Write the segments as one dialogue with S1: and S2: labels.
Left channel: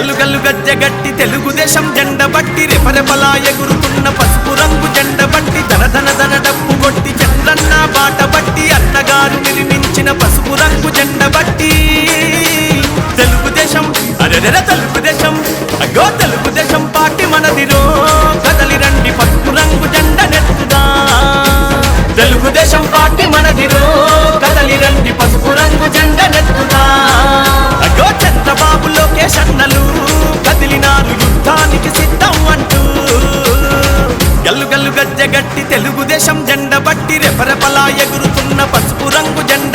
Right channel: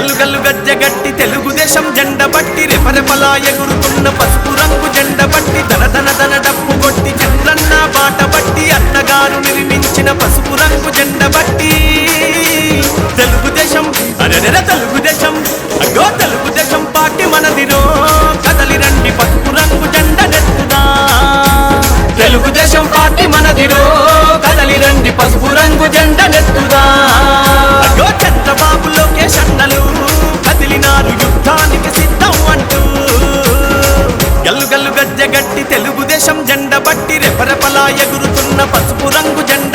S1: గల్లు గల్లు గజ్జగట్టి తెలుగుదేశం జెండ బట్టి రెపరెపలా ఎగురుతున్న పసుపు రంగు జెండ బట్టి ధన ధన ధన డప్పు కొట్టి చంద్రన్న బాట బట్టి అన్నగారు నిర్మించిన పసుపు రంగు జెండ బట్టి. తెలుగుదేశం అరెరెర తెలుగుదేశం అగ్గో తెలుగుదేశం పార్టీ మనదిరో కదలి రండి పసుపు రంగు జెండ నెత్తుదా. తెలుగుదేశం పార్టీ మనదిరో కదలి రండి పసుపు రంగు జెండ చంద్రబాబు లోకేష్ అన్నలు కదిలినారు యుద్ధానికి సిద్ధం అంటూ. గల్లు గల్లు గజ్జగట్టి తెలుగుదేశం జెండ బట్టి రెపరెపలా ఎగురుతున్న పసుపు రంగు జెండ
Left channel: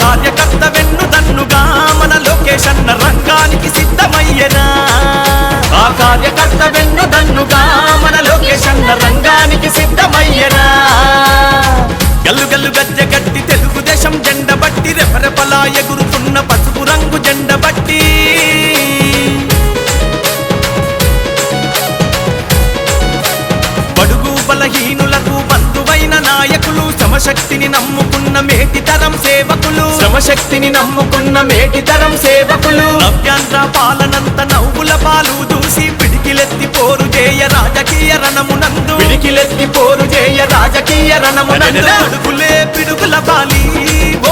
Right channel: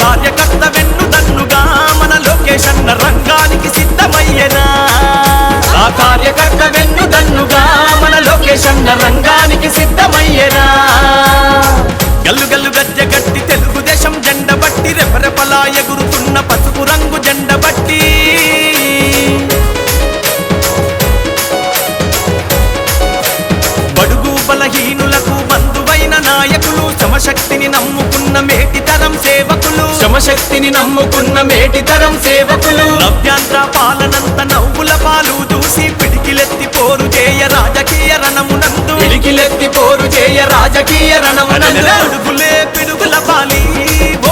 S1: కార్యకర్త వెన్నుదన్నుగా మన లోకేష్ రంగానికి సిద్ధమయ్యనా
S2: ఆ కార్యకర్త వెన్నుదన్నుగా మన లోకేష్ రంగానికి సిద్ధమయ్యనా
S1: గల్లు గల్లు గజ్జ గట్టి తెలుగుదేశం జెండ బట్టి రెపరెపలా ఎగురుతున్న పసుపు రంగు జెండ బట్టి బడుగు బలహీనులకు బంధువైన నాయకులు శ్రమశక్తిని నమ్ముకున్న మేటి తరం సేవకులు.
S2: శ్రమశక్తిని నమ్ముకున్న మేటితరం సేవకులు.
S1: నవ్యాంధ్ర పాలనంత నవ్వుల పాలు చూసి పిడికిలెత్తి పోరు చేయ రాజకీయ రణమునందు.
S2: పిడికిలెత్తి పోరు చేయ రాజకీయ రణమునందు.
S1: అడుగులే పిడుగుల బాలి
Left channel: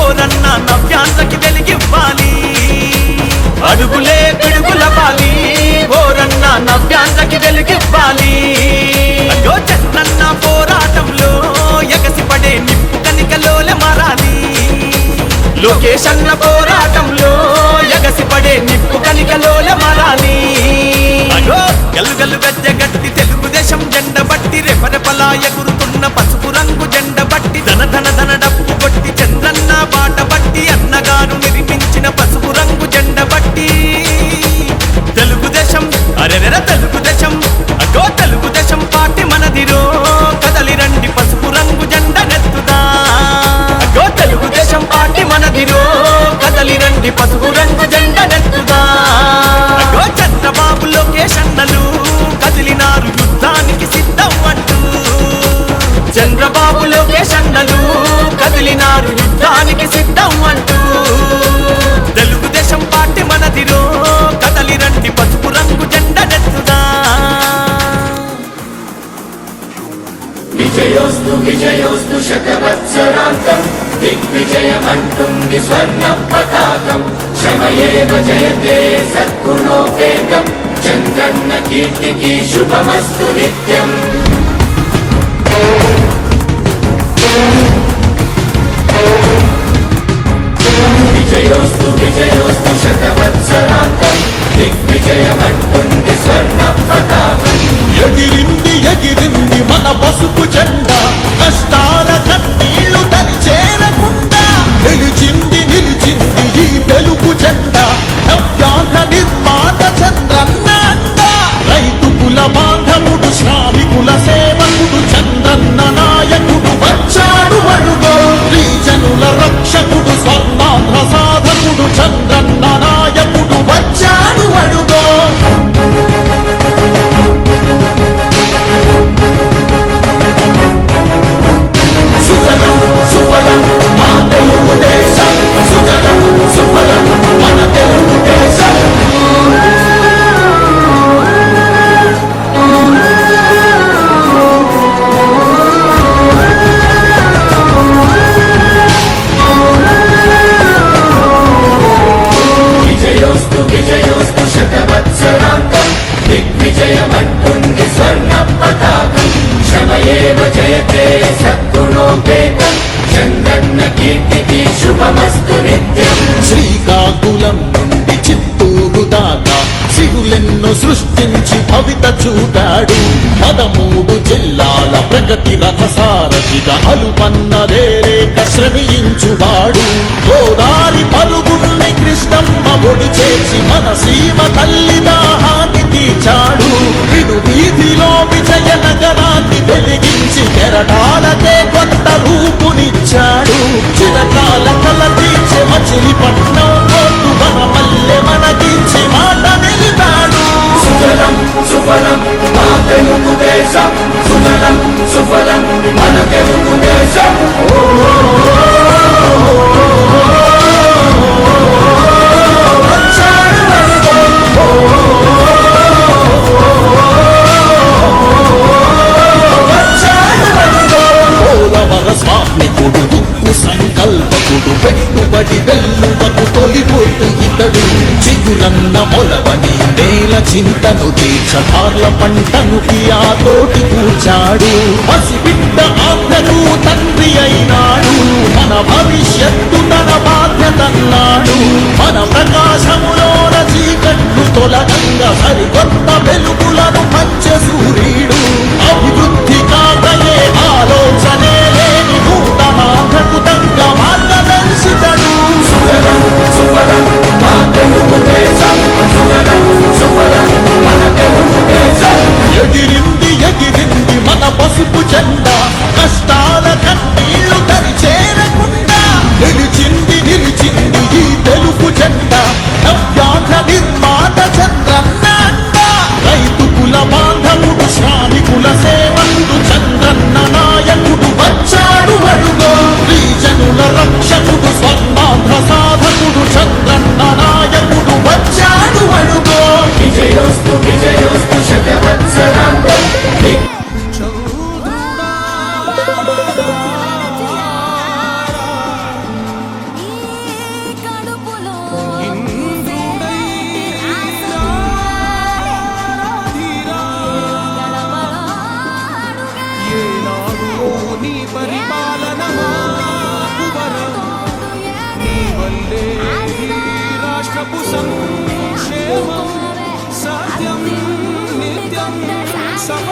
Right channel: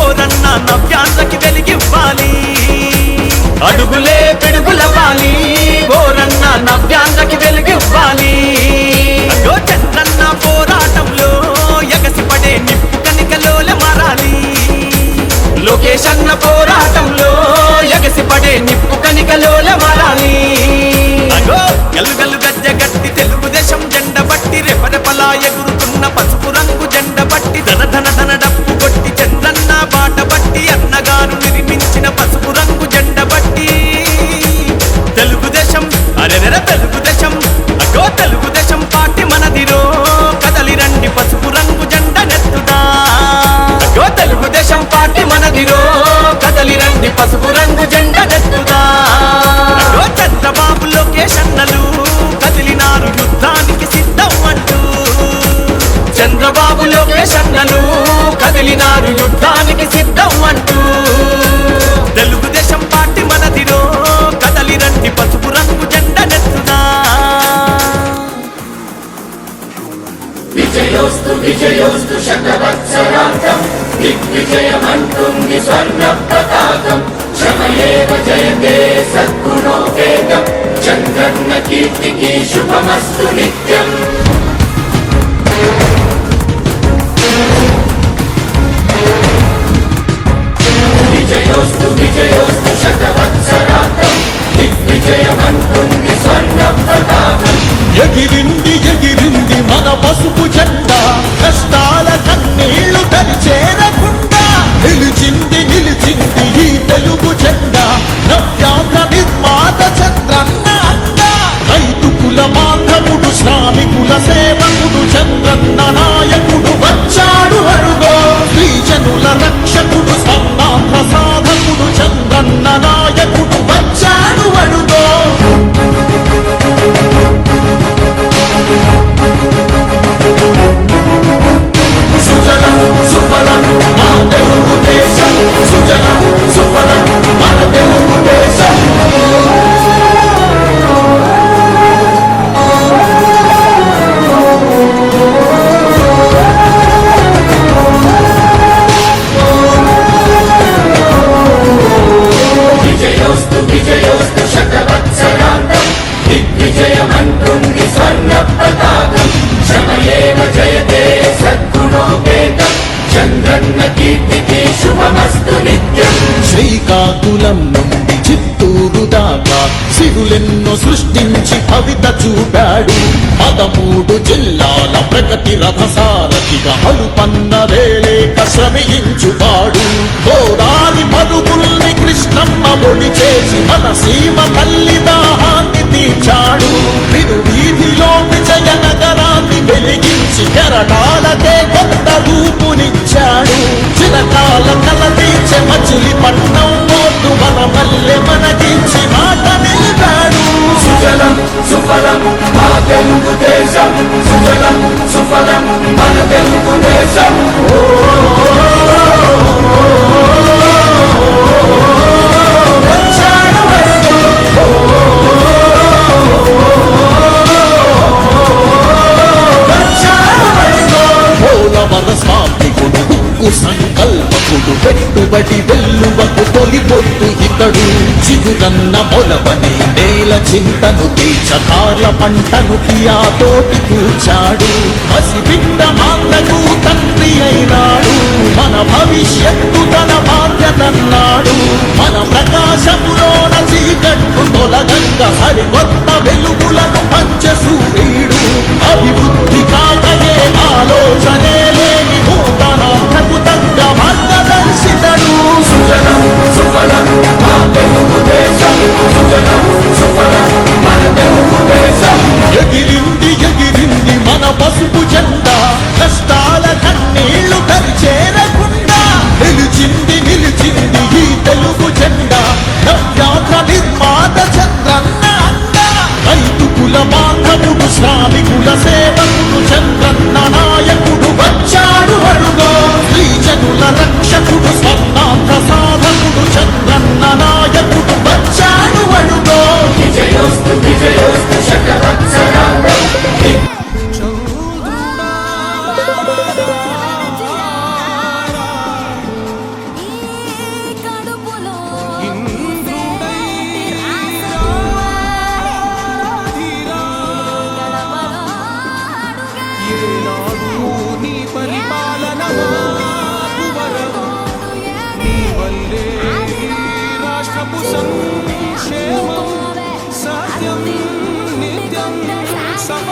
S1: ఓరన్న నవ్యాంధ్రకి వెలిగివ్వాలి.
S2: అడుగులే పిడుగుల వాలి ఓరన్న నవ్యాంధ్రకి వెలుగివ్వాలి.
S1: గో చంద్రన్న పోరాటంలో ఎగసిపడే నిప్పు కనికలోల మారాలి.
S2: లోకేష్ అన్న పోరాటంలో ఎగసిపడే నిప్పు కనికలోల మారాలి.
S1: అగో గల్లు గల్లు గజ్జ గట్టి తెలుగుదేశం జెండ బట్టి రెపరెపలా ఎగురుతున్న పసుపు రంగు జెండ బట్టి ధన ధన ధన డప్పు కొట్టి చంద్రన్న బాట బట్టి అన్నగారు నిర్మించిన పసుపు రంగు జెండ బట్టి తెలుగుదేశం అరెరెర తెలుగుదేశం అగో తెలుగుదేశం పార్టీ మనదిరో కదలి రండి పసుపు రంగు జెండ నెత్తుదా.
S2: అగో తెలుగుదేశం పార్టీ మనదిరో కదలి రండి పసుపు రంగు జెండ నెత్తుదా.
S1: అగో చంద్రబాబు లోకేష్ అన్నలు కదిలినారు యుద్ధానికి సిద్ధం అంటూ.
S2: చంద్రబాబు లోకేష్ అన్నలు కదిలినారు యుద్ధానికి సిద్ధం అంటూ.
S1: తెలుగుదేశం పార్టీ మనదిరో కదలి రండి పసుపు రంగు జెండ నెత్తుదా.
S2: విజయోస్తు విజయోస్తు శతవత్సరాంతం. దిగ్విజయమంటుంది స్వర్ణ పతాకం క్షమయేవ జయతే సద్గుణోపేతం. చంద్రన్న కీర్తికి శుభమస్తు నిత్యం. విజయోస్తు విజయోస్తు శతవత్సరాంతం. విజయమన్ పొంది స్వర్ణ ప్రతాపం.
S3: ఎగిరింది ఎగిరింది పంటను కియాలోకి కూర్చాడు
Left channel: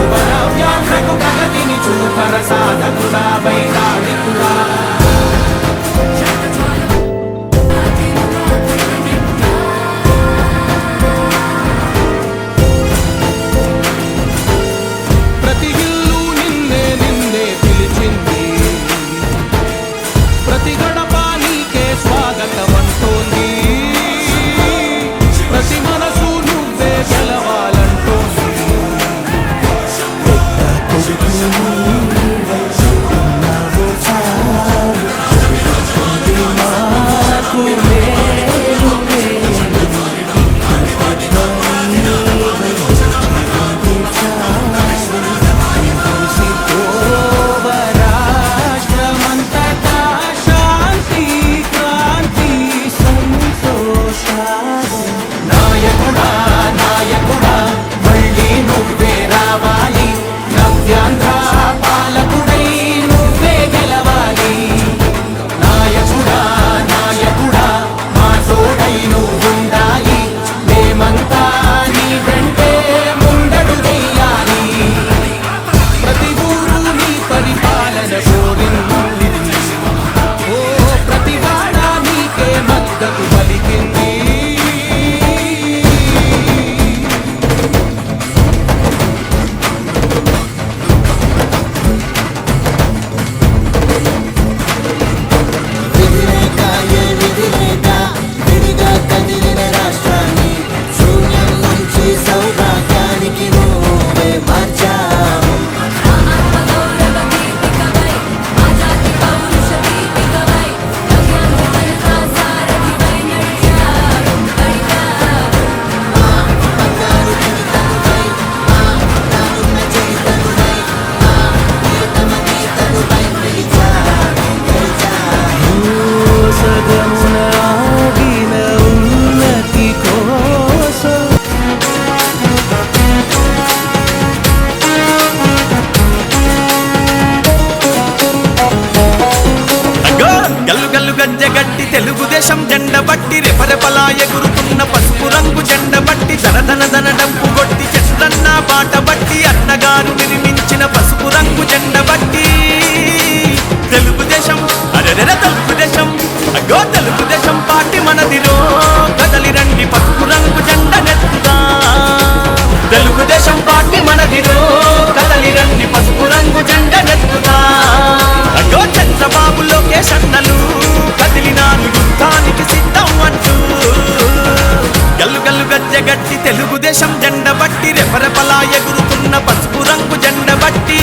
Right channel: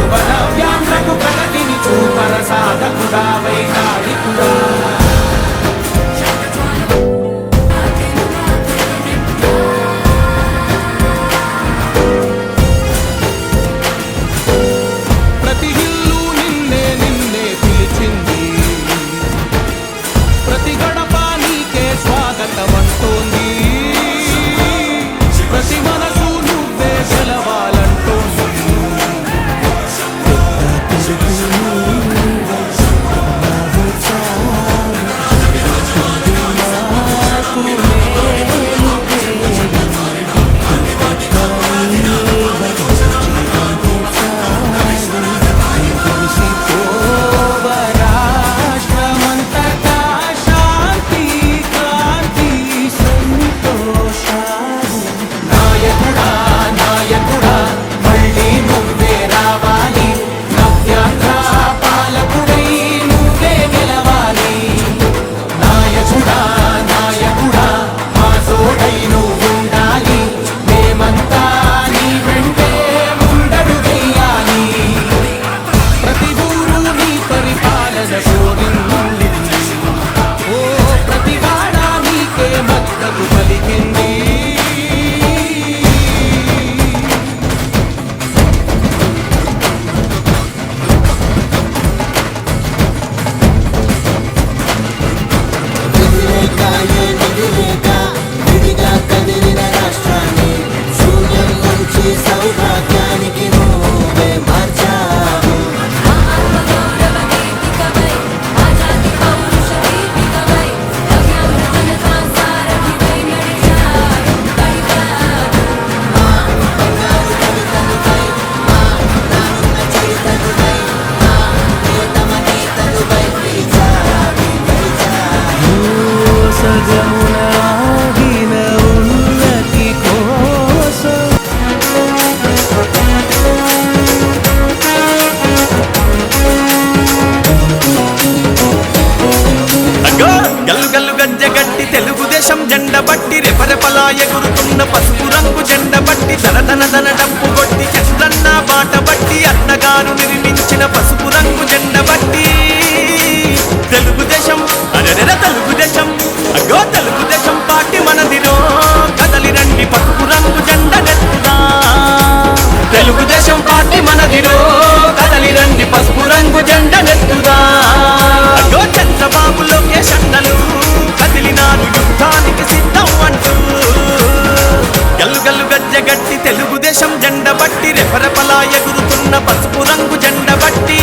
S4: శుభనవ్యాంధ్రకు ప్రగతిని చూపర చూపరసాధకుడా వైతాళికుడా
S1: బట్టి. తెలుగుదేశం అరెరెర తెలుగుదేశం అగ్గో తెలుగుదేశం పార్టీ మనదిరో. కదలి రండి పసుపు రంగు జెండ నెత్తుదా.
S2: తెలుగుదేశం పార్టీ మనదిరో. కదలి రండి పసుపు రంగు జెండ నెత్తుదా.
S1: అగ్గో చంద్రబాబు లోకేష్ అన్నలు కదిలినాను యుద్ధానికి సిద్ధం అంటూ. గల్లు గల్లు గజ్జ గట్టి తెలుగుదేశం జెండ బట్టి రెపరెపలా ఎగురుతున్న పసుపు రంగు జెండ బట్టి.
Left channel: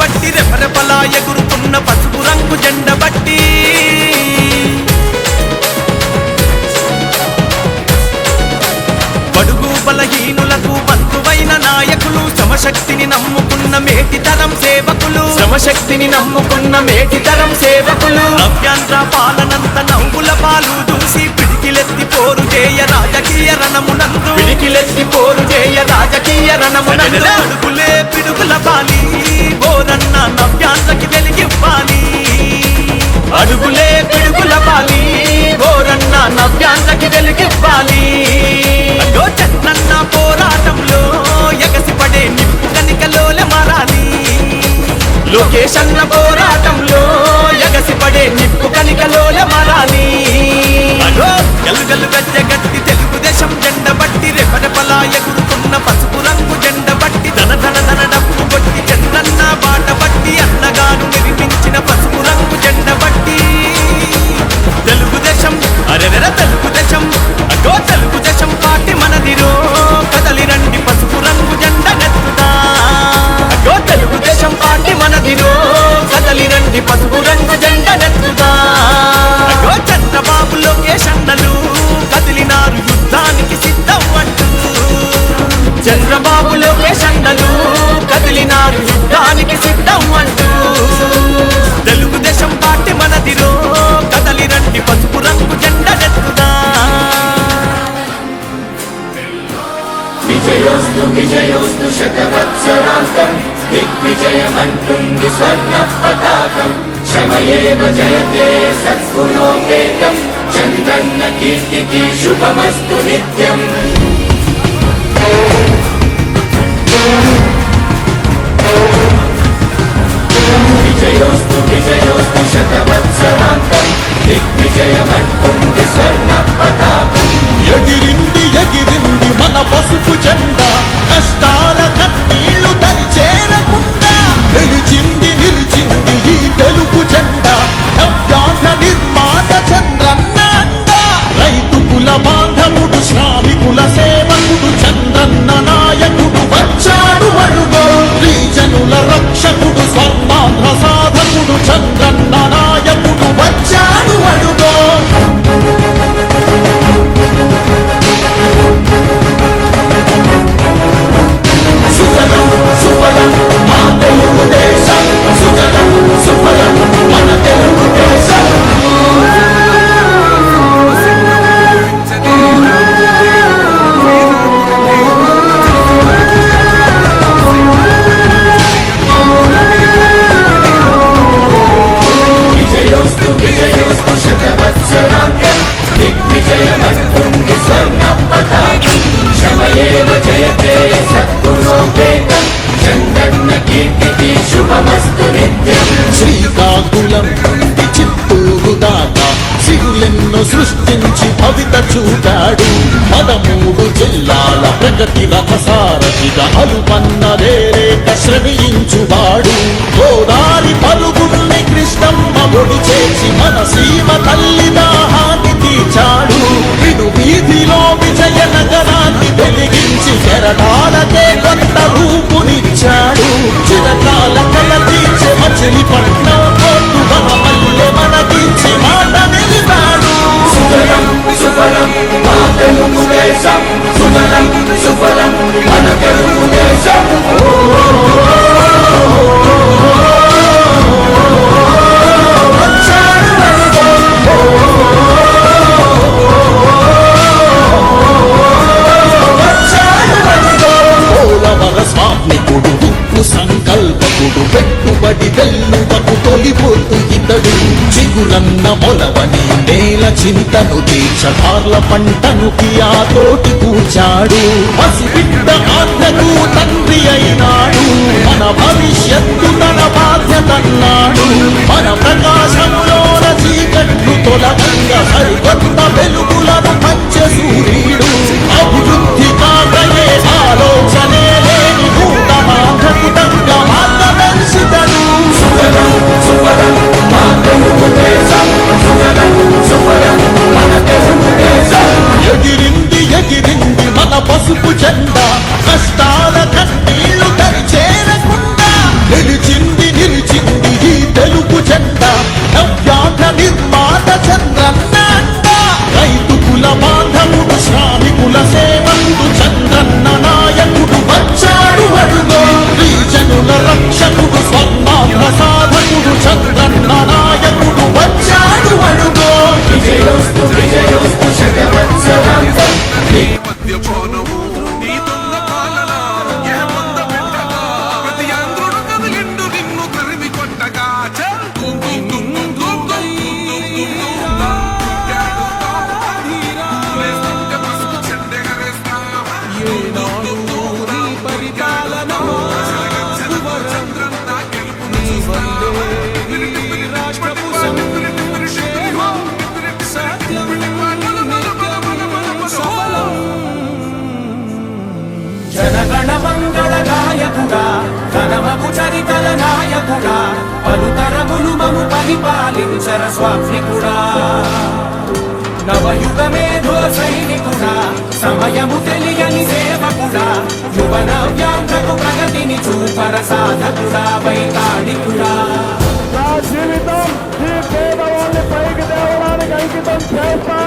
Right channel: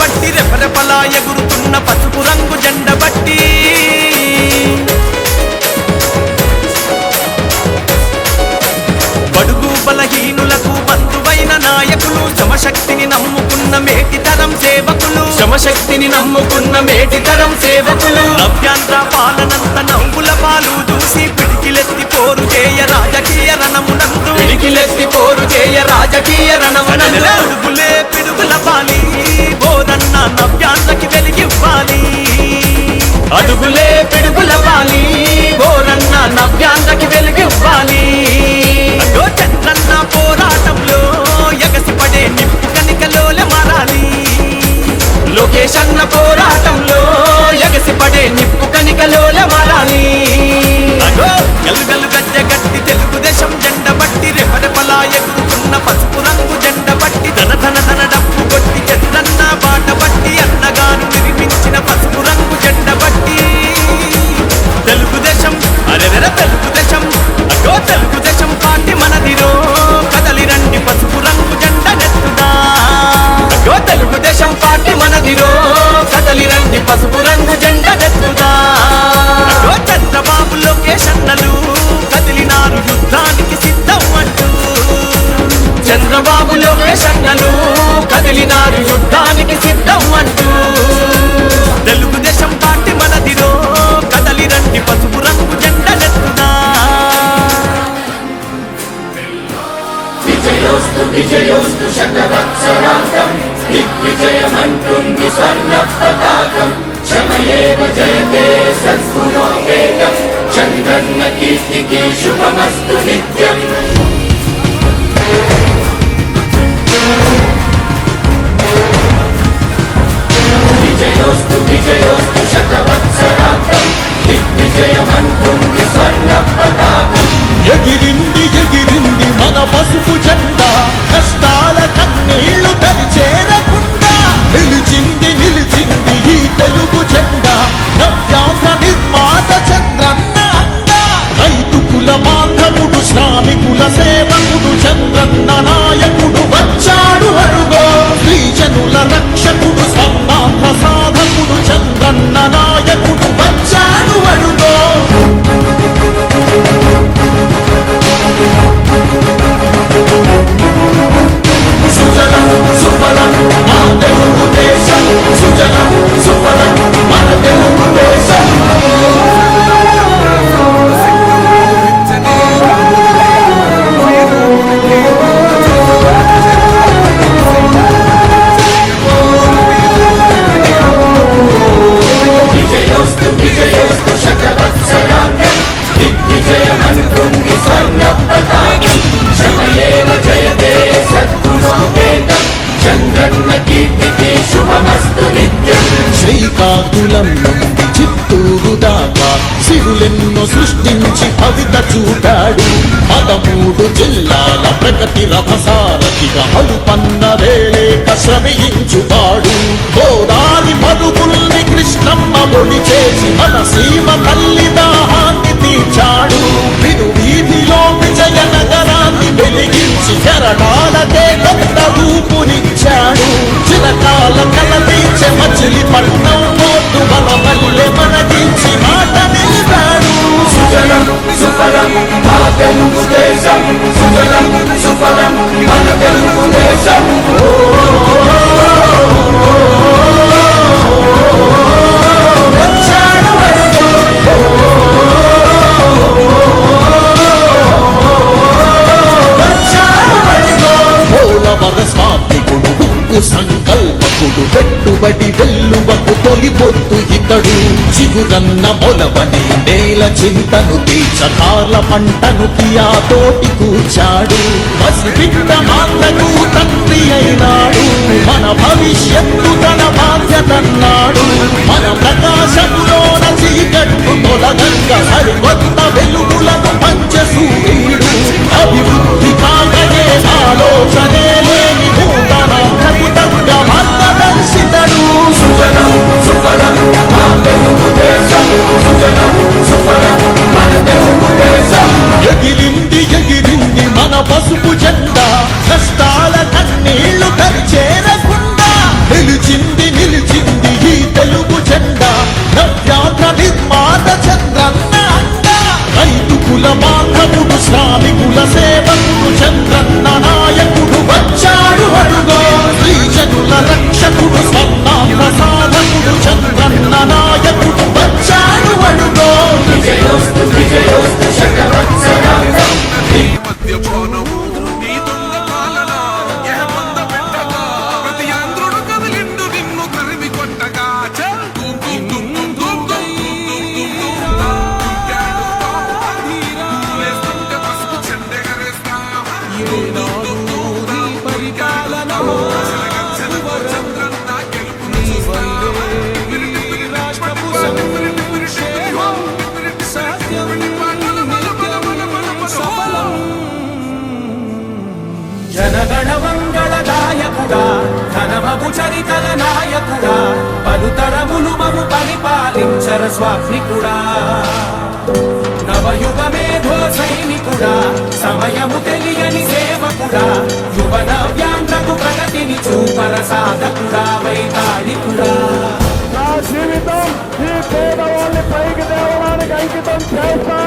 S1: బట్టి రెపరెపలా ఎగురుతున్న పసుపు రంగు జెండ బట్టి బడుగు బలహీనులకు బంధువైన నాయకులు శ్రమశక్తిని నమ్ముకున్న మేటితరం సేవకులు.
S2: శ్రమశక్తిని నమ్ముకున్న మేటితరం సేవకులు.
S1: నవ్యాంధ్ర పాలనంత నవ్వుల పాలు చూసి పిడికిలెత్తి పోరు చేయ రాజకీయ రణమునందు.
S2: పిడికిలెత్తి పోరు చేయ రాజకీయ రణమున
S1: అరెరెరె అడుగులే పిడుగుల బాలి ఎవరన్న నవ్యాంధ్రకి వెలిగివ్వాలి
S2: అడుగులే పిడుగుల ఓరన్న నవ్యాంధ్రకి వెలిగివ్వాలి
S1: అగో చంద్రన్న పోరాటంలో ఎగసిపడే నిప్పు కనికలోల మారాలి.
S2: లోకేషన్న పోరాటంలో ఎగసిపడే నిప్పు కనికలోల మారాలి.
S1: అగో గల్లు గల్లు గజ్జ గట్టి తెలుగుదేశం జెండ బట్టి రెపరెపలా ఎగురుతున్న పసుపు రంగు జెండ బట్టి ధన ధన ధన డప్పు కొట్టి చంద్రన్న బాట బట్టి అన్నగారు నిర్మించిన పసుపు రంగు జెండ బట్టి. తెలుగుదేశం అరెరెర తెలుగుదేశం అగో తెలుగుదేశం పార్టీ మనదిరో. కదలి రండి పసుపు
S3: ఎగిరింది
S1: తమకు చరితల నాయకుడా పలుతరములు మము పరిపాలించర స్వామికుడా. నవయుగ మేధో సైనికుడా సమయము తెలియని సేవకుడా యువ నవ్యాంధ్రకు ప్రగతిని చూపర సాధకుడా వైతాళికుడా.
S5: నా జీవితం ఈ పేదవాళ్ళని పైకి దేవడానికి అంకితం
S4: చేస్తా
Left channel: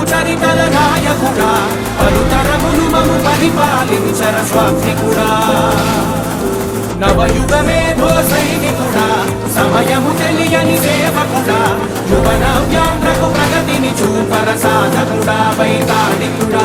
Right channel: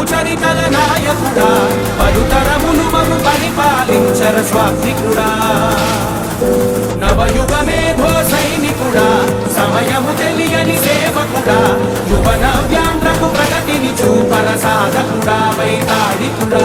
S4: పలుకు చరితల నాయకుడా పలుతరములు మము పరిపాలించర స్వామికుడా నవయుగ మేధో సైనికుడా సమయము తెలియని సేవకుడా యువన వ్యాంధ్రకు ప్రగతిని చూపర సాధకుడా వైతాళికుడా.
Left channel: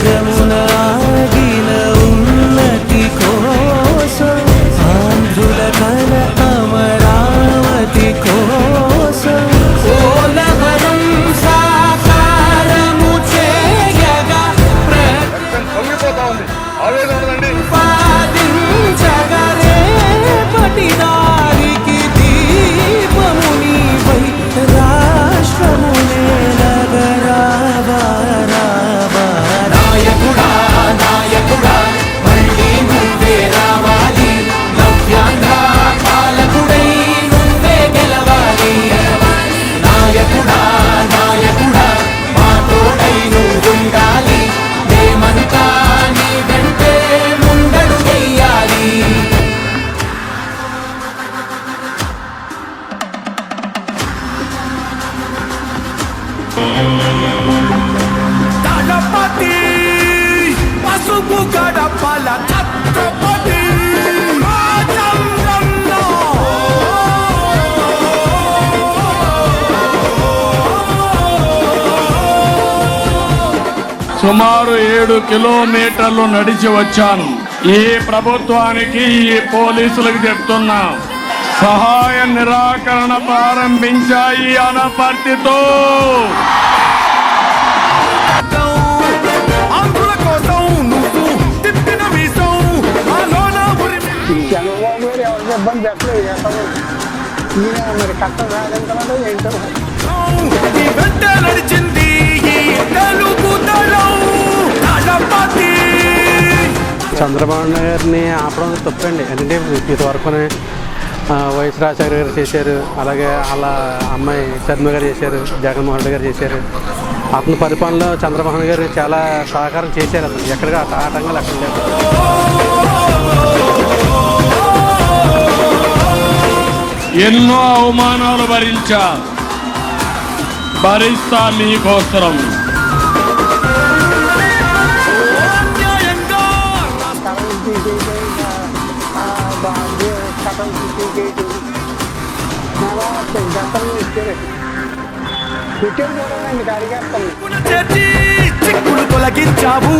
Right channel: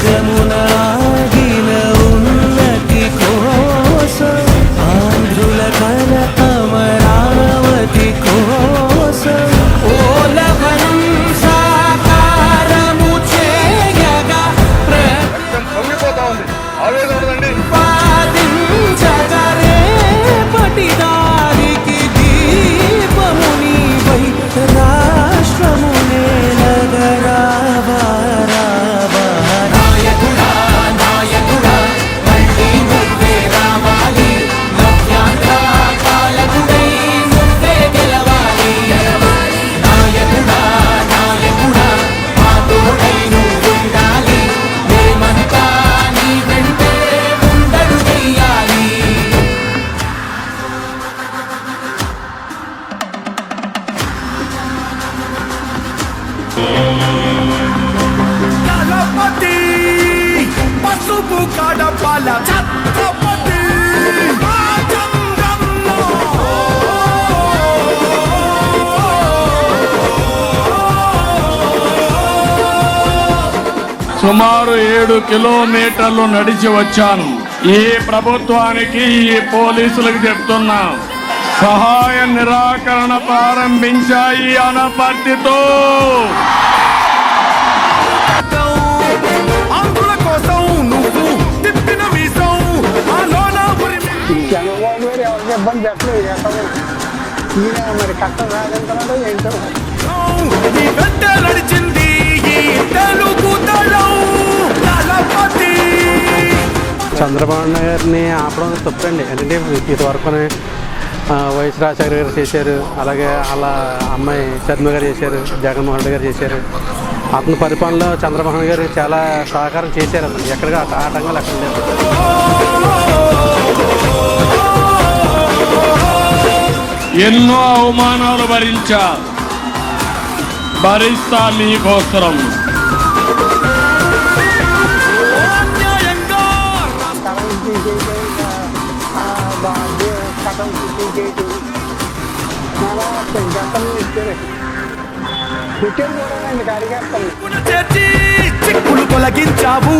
S6: গমুনা
S5: సుమారు ఏడు కిలోమీటర్లు నడిచి వచ్చాను. ఈ ప్రభుత్వానికి ఈ పోలీసులకు చెప్తున్నాం సహాయ నిరాకరణ ప్రారంభించాయి అనపర్తితో.
S7: చంద్రబాబు గారు ఎవరికి ఇబ్బంది పెట్టలేదు ఎక్కడ ఈయన మరి కష్టం సాధించడం ఏంటో?
S8: చంద్రబాబు గారిని ఆపడం తప్పండి. ఎందుకంటే ఇంతవరకు వైఎస్ రాజశేఖర గారు చేశారు అలాగే వాళ్ళ అమ్మాయి శర్మ గారు చేశారు జగన్మోహన్ రెడ్డి గారు చేశారు. అతని పరిపాలనలో చంద్రబాబు గారు చాలా సహకారం చేశారు అతను. ఎక్కడికి ఆటంకాలు అక్కడ లేవు.
S5: ఎన్నో అవమానాలు భరించా భరిస్తా మీకోసరం.
S7: గతంలో ఇచ్చారు కుట్టేది కూడా నేను అడిగేస్తాను
S6: చిక్కులు తొలగించావు.